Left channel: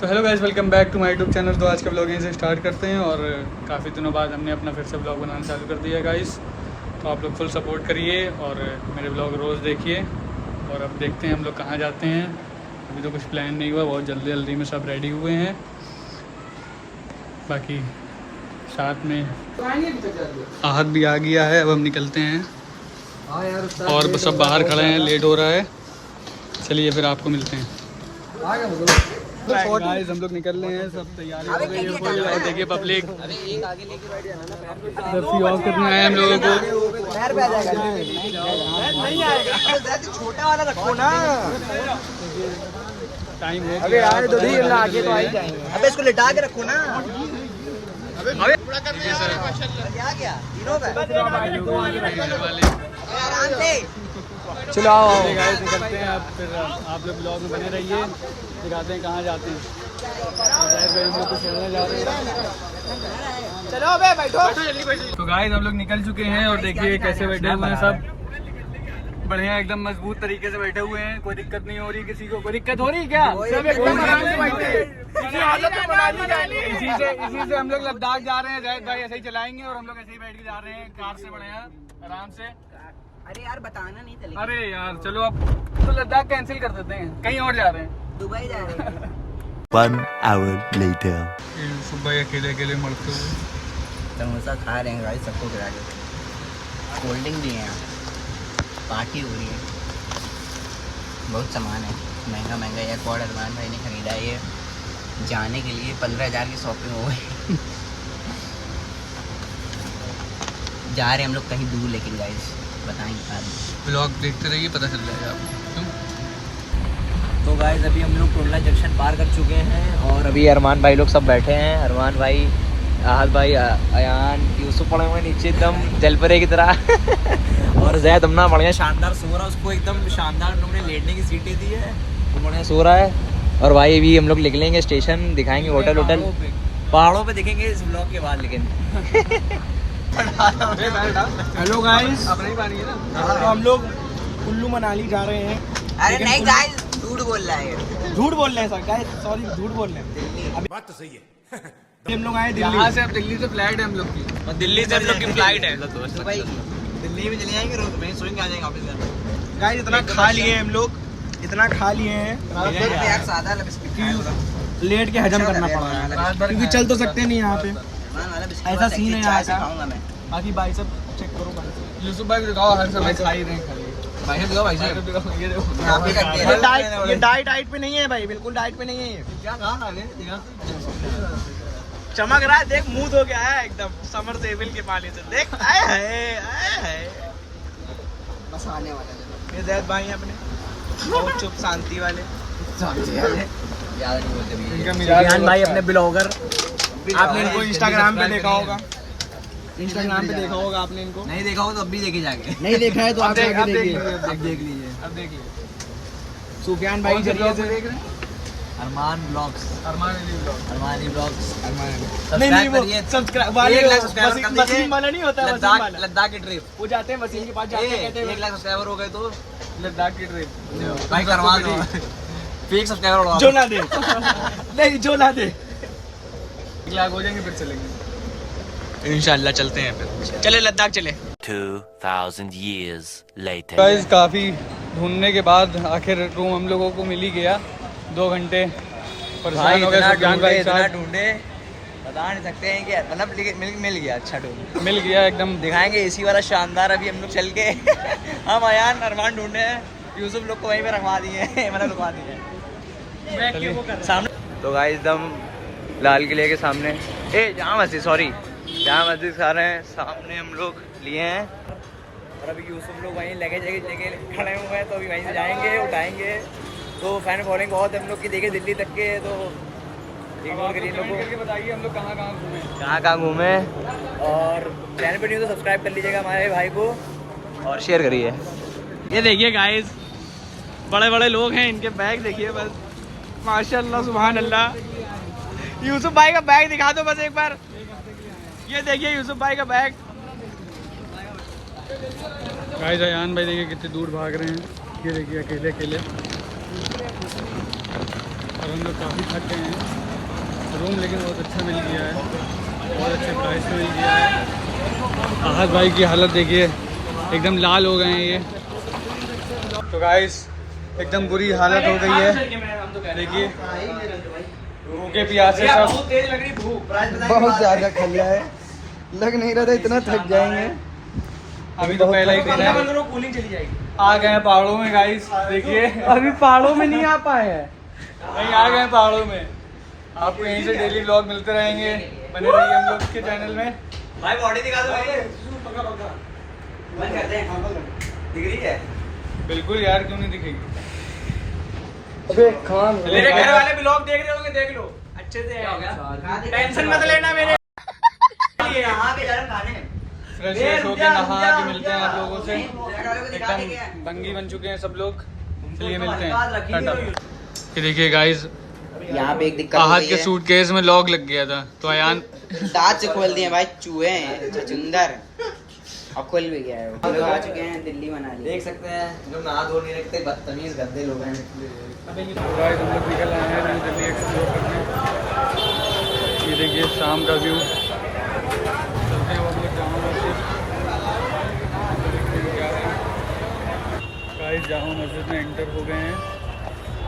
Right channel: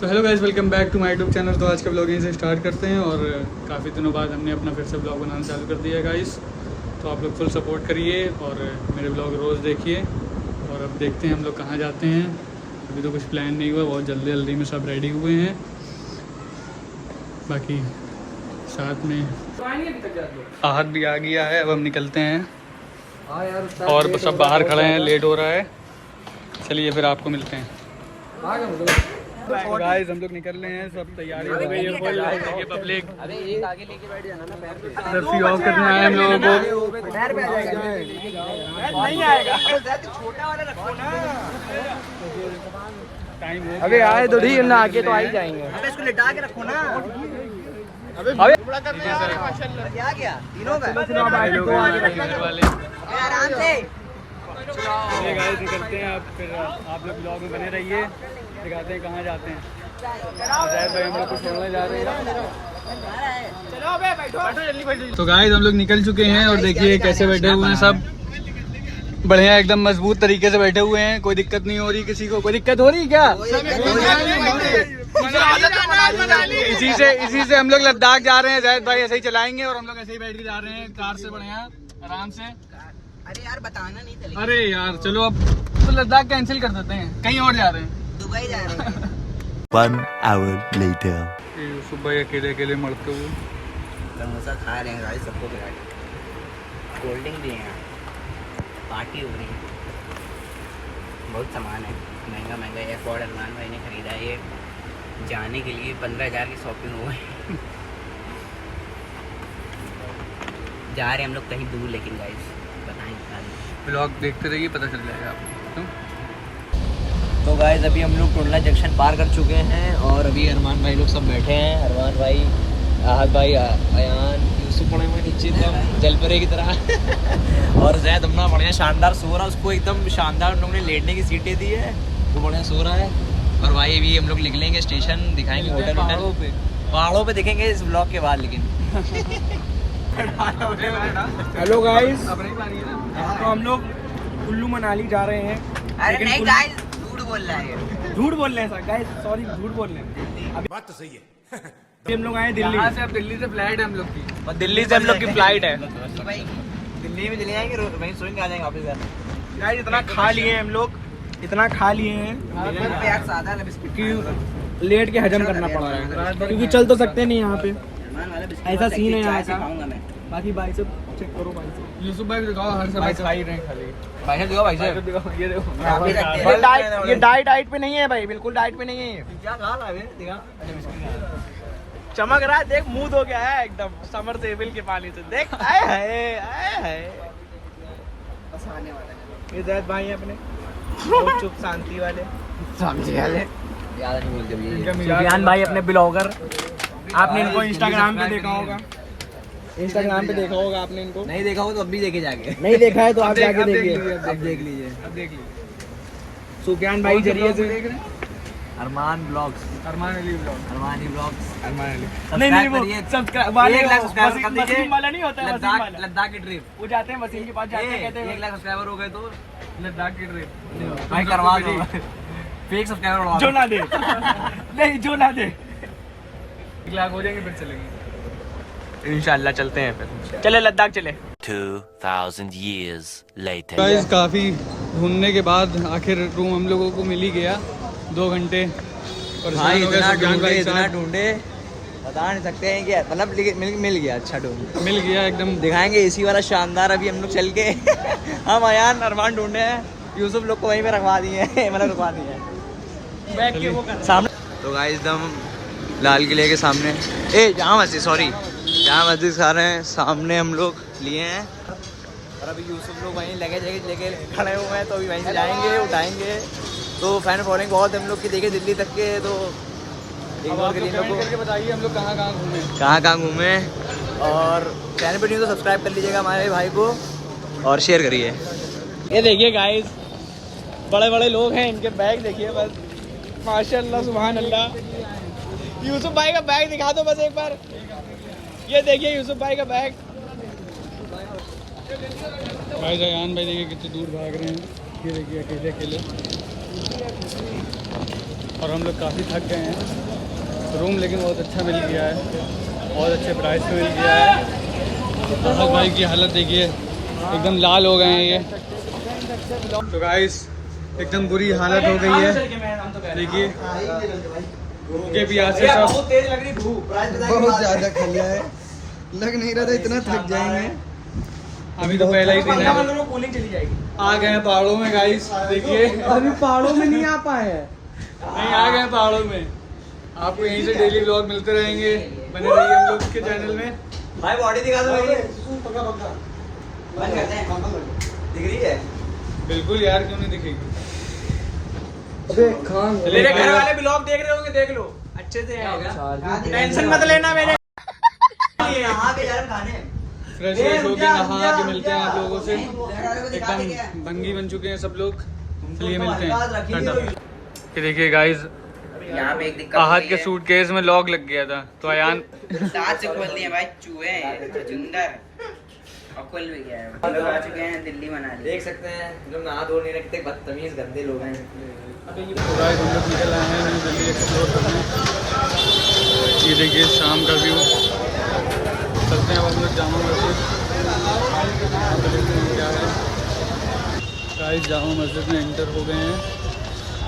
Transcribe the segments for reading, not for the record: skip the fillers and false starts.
तो hello guys, welcome back to my YouTube channel. तो आज का ब्लॉग यहीं से स्टार्ट करते हैं और काफ़ी दिनों बाद हमने अपना फिर से ब्लॉग बनाना चालू कर दिया गाइस। तो आप लोग फुल सपोर्ट करिए और मेरे ब्लॉग रोज़ देखिए। और अब देखते हैं हम लोग कहाँ जाते हैं। अभी तो कुछ प्लान नहीं हुआ, बहुत जल्दी जल्दी में सब रेडी हुए हैं। बाकी साथ में आहत भी आ गया है। अब हम निकलते हैं और सब बाहर खड़े हैं, लेट हो रहा है। चलिए फिर आपको मिलते हैं। गाइस हम लोग निकल रहे हैं, सब तैयारी हो गई है फुल। और देखिए पब्लिक रस्सी ऑफ करने आए हम लोगों को। टाइम हो गया, इसको लिटा के रखो ना। ठीक है सर। भाई लोग घर वाले चलो गाइस निकलते हैं अब। फिर आप लोग ब्लॉग में बने रहिए, दिखाते हैं कहाँ जाते हैं। जैद भाई हम लोग को छोड़ने जा रहे हैं। चलो बे बैठो जल्दी बैठो। तो गाइस हम लोग निकल चुके हैं और देखिए कैसे बैठे हुए हैं सब। बढ़िया एकदम मजबूत तरीके से बैठे हुए हैं। कोई दिक्कत नहीं हो रही किसी को। कोई दिक्कत हो रही क्या? इसी से हम लोग लद्दाख जा रहे हैं। जैद भाई ऐसे ही चलाएंगे और हम लोग ऐसे ही बैठ के जा रहे हैं कार से। बढ़िया आराम से। अरे यार बताना नहीं था। अरे यार चलो अब तो लद्दाख कैंसिल कर देते हैं, कहीं और जा रहे हैं। दुबई जा रहे हैं। 1 hour later. सुबह अकेले अकेले मरते हुए समोसा खा रहे हैं गाइस, सबको खिला रहे हैं। कोल्ड ड्रिंक दिए हैं, पार्टी हो रही है। बहुत सामान है, महंगा महंगा एयरपोर्ट अरमान भाई ने खरीदा है। ये जाने के लिए 15,000 की शॉपिंग हो गई। जा रहे हैं हम लोग कहीं दूर, लेकिन गाइस बताएंगे बाद में। ब्लॉग देखते रहिए, पता चल जाएगा आपको। क्यों? तो गाइस अभी हम लोग टोडला जंक्शन पार कर चुके हैं और अभी अरमान भाई लोग सब बैठे हैं। अरमान भाई, आहत भाई, अयान, यूसुफ पड़े हुए नीचे एकदम जलपरे की तरह। और जैद अपना बढ़िया शानदार सो रहा है। उसको एकदम शानदार उन लोगों ने लेटने की सीटें दी है, वो बढ़िया सो रहा है। और भाई अभी हम लोग निकलेंगे, स्टेशन दिखाएंगे, होटल पहाड़ों पे दिखेंगे इस ब्लॉग के बाद। लेकिन हेलो गाइस, तो हम लोग कुल्लू मनाली जा रहे हैं। अरे नहीं गाइस, झूठ बोल रहा है। झूठ बोल रहे हैं सर, गाइस सॉरी, झूठ बोल रहे हैं। अभी बात तो सही है। हम लोग आए दिल्ली यहाँ से। अब दिल्ली से फ्लाइट है हम लोग की, और दिल्ली से हम लोग की फ्लाइट है। भाई दिल्ली में चले जाएंगे, वहीं सोएंगे, आ जाएंगे वापस। गाइस इतना खा लिए हम लोग, इतना खा लिए हैं कि लेट के हजम करना पड़ रहा है, क्योंकि चल तो सकते नहीं यहाँ पे। ऐसा सीन है यहाँ का। बाकी भाई सब चेक करो, भाई सब यूसुफ भाई बताओ, हर समय खा ही रहे हैं खाली। भाई देखो, भाई ये देखो ये डाइट पे नहीं है भाई, बिल्कुल डाइट पे नहीं है। ये क्या खा रहा है? चमक रहा है, देख मुंह धो गया है एकदम समर सेविल के पानी से। देख आए हाय बस आने वाला है। ये जैद भाई हैं अपने, चुप शांति वाले। जान भाई अपने ब्लॉगर, आपने इनको इंस्टाग्राम पे देखा होगा। इंस्टाग्राम पे देखा होगा आपने इनको। नहीं देखा होगा तो अब भी देखे जाके। नहीं देखा है तो आप जाके देखिए। अब देख लीजिए। अब देख लीजिए। सुफियान भाई जरिए से देख रहे हैं। अरमान ब्लॉग्स, अरमान अली ब्लॉग। Armani blogs. नहीं नहीं, वो सब्सक्राइब वाले, 1 लाख सब्सक्राइबर कर दीजिए। वसीम वाला नहीं होता है, वसीम वाला। लद्दाख की ट्रिप। वो जाते हैं वसीम के पास, जाते हैं, कहते 1 हैं लाख सब्सक्राइबर हो गए तो लद्दाख की ट्रिप भाई करवा दो। फेक सब्सक्राइबर बढ़वा जो ना दे। नहीं जो ना दे। 1 लाख हो जाएंगे फिर चलेंगे इंशाल्लाह। चलते हैं फिर, चले लद्दाख चले। 2000 years later. गाइस काफ़ी ढूंढने के बाद आखिर रूम हम लोगों को मिल ही गया। 2 घंटे भाई इतना ढूंढे, साथ बता नहीं सकते हैं कि मतलब मिल गया। अच्छा ढूंढ मिल गया एकदम। दिखाएंगे एसी वाला शानदार। अभी हम लोग चल के हम अयान अरमान ढूंढे हैं, यूसुफ लोग को वहीं पे रखवा दिए हैं, मतलब रुकवा दिए हैं सामने। तो गाइस एकदम लाल किले के सामने, जामा मस्जिद, सॉरी जामा मस्जिद सामने हम लोग लिए हैं। और अभी यूसुफ लोग वहीं लगेज लेके खड़े हुए हैं, तो अभी वहीं से जाएंगे, उठाएंगे। तो फैन फॉलोइंग बहुत हम लोग की देखे दिल्ली तक के। तो इग्नोर करिए लोग को। बताइए हम लोग कहाँ घूमे। और चैनल पर नहीं तो सब्सक्राइब कर लीजिएगा हमारे भाई को, और शेयर करिए। ये देखिए गाइस, बड़े बड़े लोग हैं, इनके बैग देखिए बस, माशाल्लाह सुभान अल्लाह। यूसुफ भाई का बैग दिखा दो बस एक बार। ये देखिए यूसुफ भाई का बैग। गाइस अयान भाई देखिए कितने दूर भाग रहे हैं। ये देखिए अकेले अकेले। और हम लोग काफ़ी थक गए हैं। रूम लेकिन बहुत अच्छा मिल गया है, बहुत अच्छे प्राइस में मिल गया है। आहत भाई की हालत देखिए, एकदम लाल हो गए हैं ये। तो गाइस एकदम बुरी हालत हो गई है, देखिए भूखे प्यासे सब। बहुत ज़्यादा खा लिया है, लग नहीं रहा था इतना थक जाएंगे। अभी तो पहला ही दिन है, आ गए हैं पहाड़ों में गाइस, देखिए अभी पहाड़ों में नहीं आ पाए हैं। नहीं आ गए हैं पहाड़ों में। आपको यहीं से डेली व्लॉग मिलते रहेंगे, बने रहिए हम लोग के चैनल में। भाई बॉडी दिखा दो, दिख रही है बिल्कुल यार, क्यों नहीं दिखेगी। अबे खान चलिए मेरे गाइस, ब्लॉग देख रहे होंगे, देख लो अच्छे से। टेंशन मत लेना मेरे। फ्रेश व्रेश होके नहा के मिलते हैं आप लोगों से। एकदम भंगी बन चुके हैं सब लोग, चलिए मिलते हैं, टाटा। ये देखिए गाइस, यहाँ पे एक दिक्कत आहत के सूटकेस में लॉक लग गया था, तो अयान दांत से खोल दिए भाई, चूहे हैं चुचुंदर, और खुल भी गया है। हम लोग आ चुके हैं दिल्ली मनाली। देख सकते हैं लोग नहा धो नहीं रखते, बदतमीज गंदे लोग हैं। तो गाइस हम लोग निकल आए हैं न्यू दिल्ली एक्सप्लोर करने। ये देखिए शाम का व्यू, चलते हैं हम लोग जामा मस्जिद, यहाँ पे देखते हैं क्या है। गाइस जामा मस्जिद में एंटर हो गए हैं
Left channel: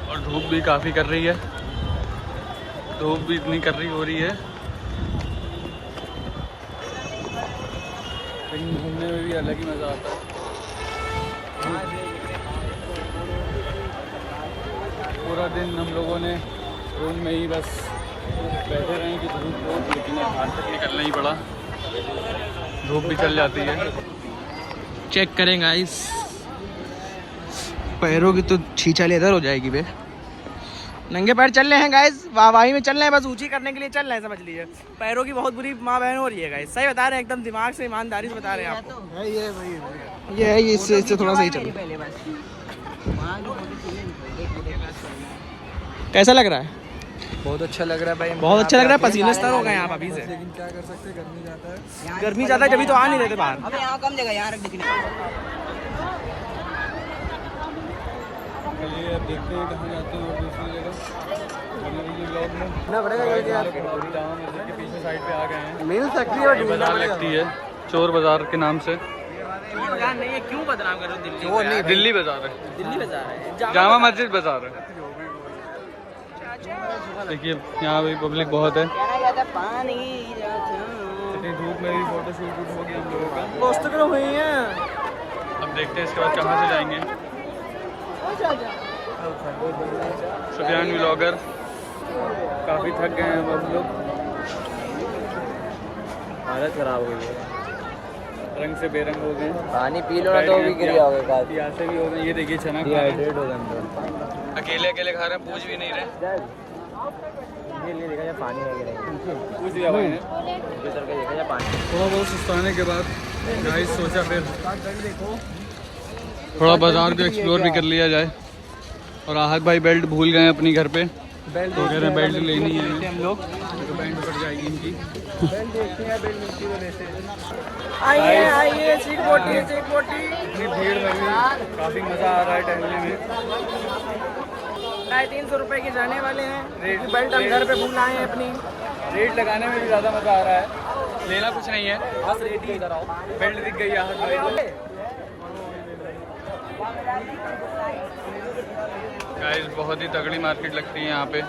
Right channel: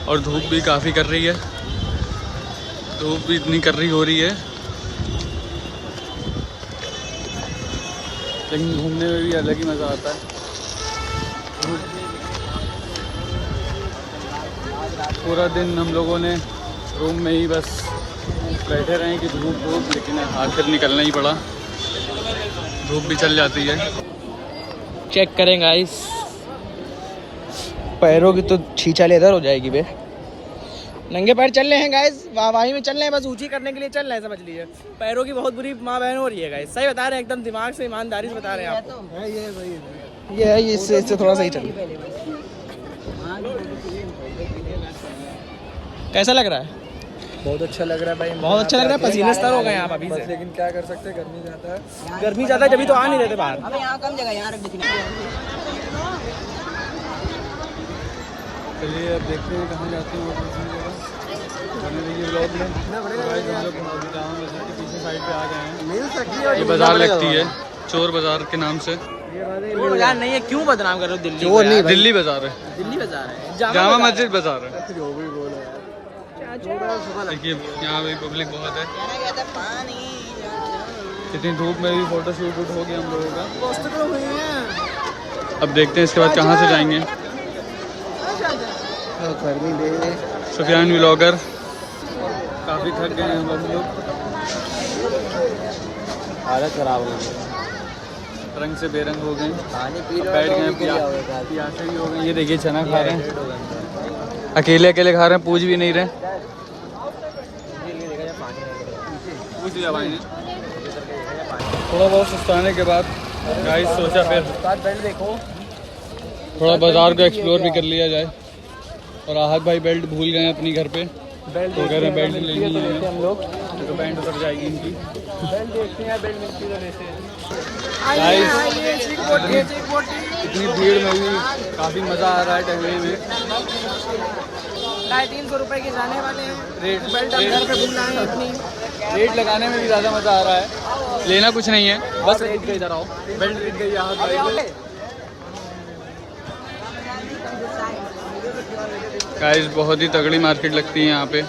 और धूप भी काफ़ी कर रही है, धूप भी इतनी कर रही हो रही है, लेकिन घूमने में भी अलग ही मज़ा आता है। पूरा दिन हम लोगों ने रूम में ही बस बैठे रहे कि धूप हो, लेकिन आखिर निकलना ही पड़ा, धूप भी चल जाती है। चेक करें गाइस, पैरों की तो छींचा लेदर हो जाएगी बे। नंगे पैर चल रहे हैं गाइस, वाहवाही में चल रहे हैं, बस ऊंची करने के लिए चल रहे हैं, समझ लीजिए। पैरों की बहुत बुरी माँ बहन हो रही है गाइस, सही बता रहे हैं, एकदम दिमाग से ईमानदारी से बता रहे हैं आपको। ये है, ये इससे थोड़ा सही चल। कैसा लग रहा है? बहुत अच्छा लग रहा है भाई, बहुत अच्छा लग रहा है, पसीने स्तर हो गए हैं आप अभी से। लेकिन क्या कर सकते हैं, गर्मी ज़्यादा है। गर्मी ज़्यादा है, जब तो आ नहीं रहते बाहर। अबे यहाँ कम जगह, यहाँ रख दिखने। चलिए अब देखते हैं कहाँ जाते हैं और दूसरी जगह, बने रहिए व्लॉग में। गाइस हम लोग अभी जामा मस्जिद के पीछे साइड पे आ गए हैं। ये बाज़ार लगती है चोर बाज़ार के नाम से। यार नहीं है, क्यों बदनाम कर रहे हो दिल्ली? दिल्ली बाज़ार है, दिल्ली बाजार है, जामा मस्जिद बाज़ार है। देखिए यहाँ भी पब्लिक बहुत है, इतनी धूप में भी फोटो शूट हो गया हम लोगों का। तो हुई है। अब देखते हैं इसके बाद कहाँ से जाएंगे। सुफियान व्लॉगर, काफ़ी थक गए हैं हम लोग, हालत खराब हो गई है, रंग से बेरंग हो गए, पानी पी लो बैठ तो गए, भी क्लियर हो गया। प्यासे भी हो गए। ये देखिए चना खा रहे हैं, अकेले अकेले खा रहे हैं, पूछ भी नहीं रहे। पूछ लिया भाई ने। थोड़ा बहुत सुस्ताने के बाद गाइस सोचा फिर थोड़ा बाजार को एक्सप्लोर भी कर लिया जाए। और आहत भाई बेल्ट भूल गए अपनी घर पे, बेल्ट तो कह रहे हैं बेल्ट लेनी है हम लोग, तो बैंड उतर जाएगी इनकी। बेल्ट देखते हैं, बेल्ट मिलती तो लेते हैं। आइए आइए, चीक बोटी। इतनी भीड़ में भी काफ़ी मज़ा आ रहा है टहलने में। 350 रुपए के जाने वाले हैं, रेट बेल्ट हम घर पे भूल आए हैं अपनी। रेट लगाने में भी ज़्यादा मज़ा आ रहा है, लेना कुछ नहीं है, बस रेट के इधर आओ। बेल्ट दिख गई आहत भाई को। गाइस बहुत ही तगड़ी मार्केट लगती है यहाँ पे,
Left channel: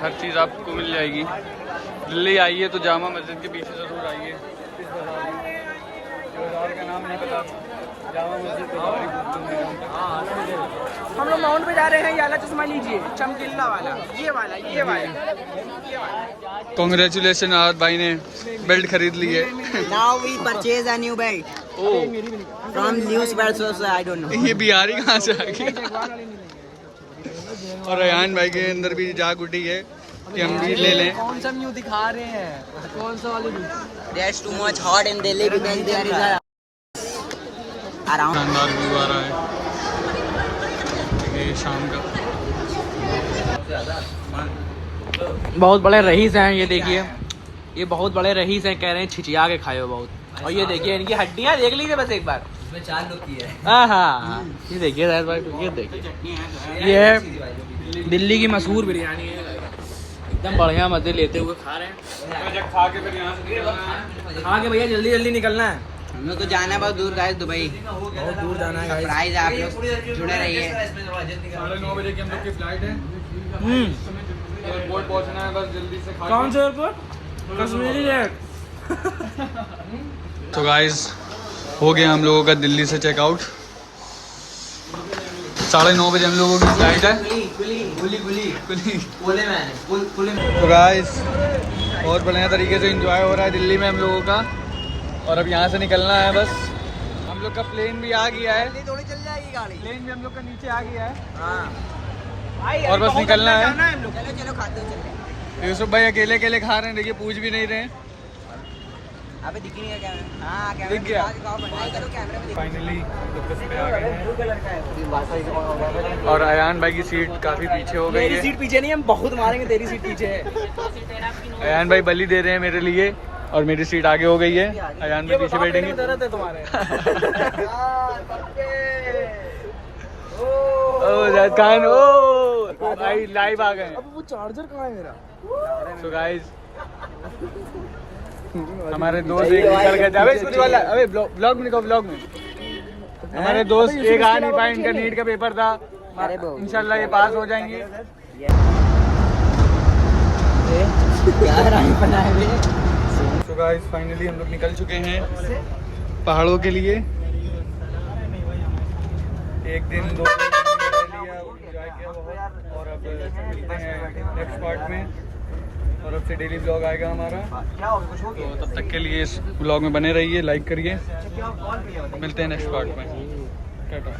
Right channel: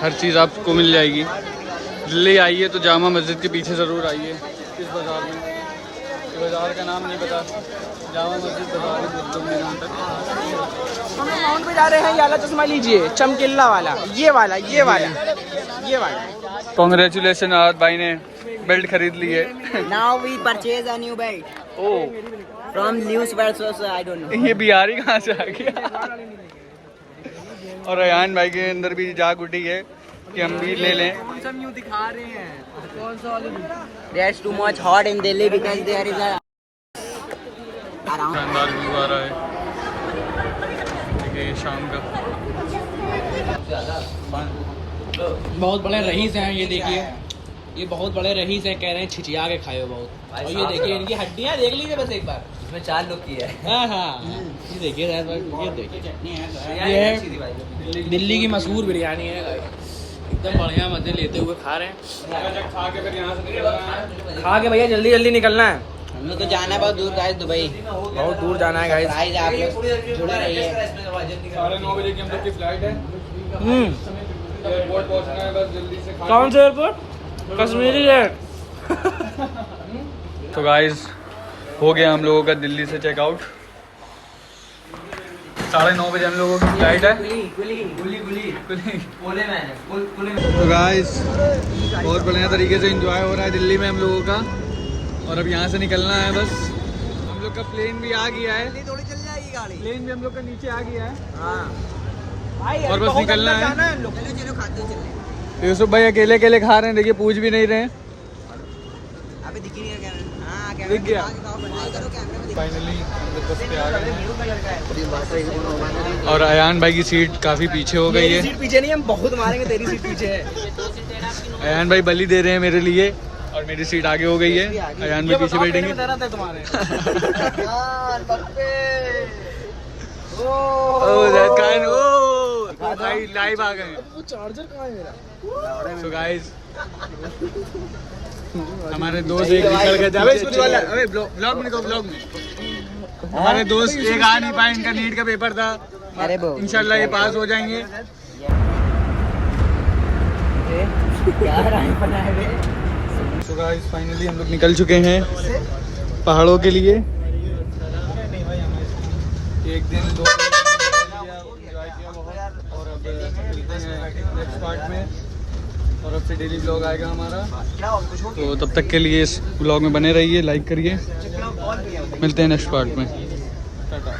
हर चीज़ आपको मिल जाएगी। दिल्ली आइए तो जामा मस्जिद के पीछे ज़रूर आइए, इस बाज़ार में। बाज़ार का नाम नहीं पता, जामा मस्जिद बाज़ार ही बोलते हैं यहाँ तक। हम लोग माउंट पे जा रहे हैं, ये वाला चश्मा लीजिए, चमकीला वाला, ये वाला। कॉन्ग्रेचुलेसन आहत भाई ने बेल्ट खरीद ली है। Now we purchase a new belt oh, from news source, I don't know. ये बिहारी कहाँ से आ गया। और रेहान भाई के अंदर भी जाग उठी है कि हम भी ले लें। कौन सा न्यू दिखा रहे हैं, कौन सा वाली? There's too much hot in Delhi because there is a around. शानदार व्यू आ रहा है, देखिए शाम का। बहुत बड़े रईस हैं, ये देखिए, ये बहुत बड़े रईस हैं, कह रहे हैं छिचिया के खाए हो बहुत। और ये देखिए इनकी हड्डियाँ देख लीजिए बस एक बार, इसमें 4 लोग की है। हाँ, ये देखिए शायद भाई, ये देखिए, ये है दिल्ली की मशहूर बिरयानी है एकदम बढ़िया मजे लेते हुए खा रहे हैं। खा के फिर यहाँ से निकलना है। खा के भैया जल्दी जल्दी निकलना है, हम लोग तो जाना है बहुत दूर गाइस, दुबई। बहुत दूर जाना है गाइस। प्राइस आप लोग जुड़े रहिए। 9:30 बजे की हम लोग की फ्लाइट है। एयरपोर्ट पहुँचना है बस जल्दी से। कौन सा एयरपोर्ट? कश्मीरी है। तो गाइस हो गया हम लोगों का दिल्ली से चेकआउट। 9:30 बजे हम लोगों की फ्लाइट है। तो गाइस बहुत बढ़िया तरीके से एंजॉय हो रहा है दिल्ली में हम लोगों का, और अब यहाँ से निकलना है बस। हम लोग का प्लेन भी आ गया है, थोड़ी चल जाएगी गाड़ी। प्लेन भी हम लोग का नीचे आ गया है हाँ और बस निकलना है। चलो चलो खाते चले। यूसुफ भाई अकेले अकेले खा रहे हैं, देखिए पूछ भी नहीं रहे हैं। अबे दिख ही नहीं रहा कैमरा। हाँ दिख गया। फाइनली हम लोग बस पे आ गए हैं और अयान भाई की सीट काफ़ी पीछे हो गई है। सीट पीछे नहीं, हम बहुत मारेंगे, तेरी सीट पीछे है। अयान भाई बलि दे रहे हैं मेरे लिए और मेरी सीट आगे हो गई है। अयान भाई पीछे बैठेंगे। दर्द है तुम्हारे। ओ दैट काइंड, ओ भाई लाइव आ गए। वो चार्जर कहाँ है मेरा? सो गाइस हमारे दोस्त एक निकल गए। अबे स्कूटी वाला, अबे ब्लॉग में निकलो, ब्लॉग में। हमारे दोस्त एक आ नहीं पाए, इनका नीट का पेपर था। इंशाल्लाह ये पास हो जाएंगे। तो गाइस फाइनली हम लोग निकल चुके हैं पहाड़ों के लिए। एक दिन 2 दिन लिया, एंजॉय किया बहुत, और अब मिलते हैं नेक्स्ट पार्ट में। और अब से डेली ब्लॉग आएगा हमारा, तो तब तक के लिए इस ब्लॉग में बने रहिए, लाइक करिए। मिलते हैं नेक्स्ट पार्ट में। टाटा।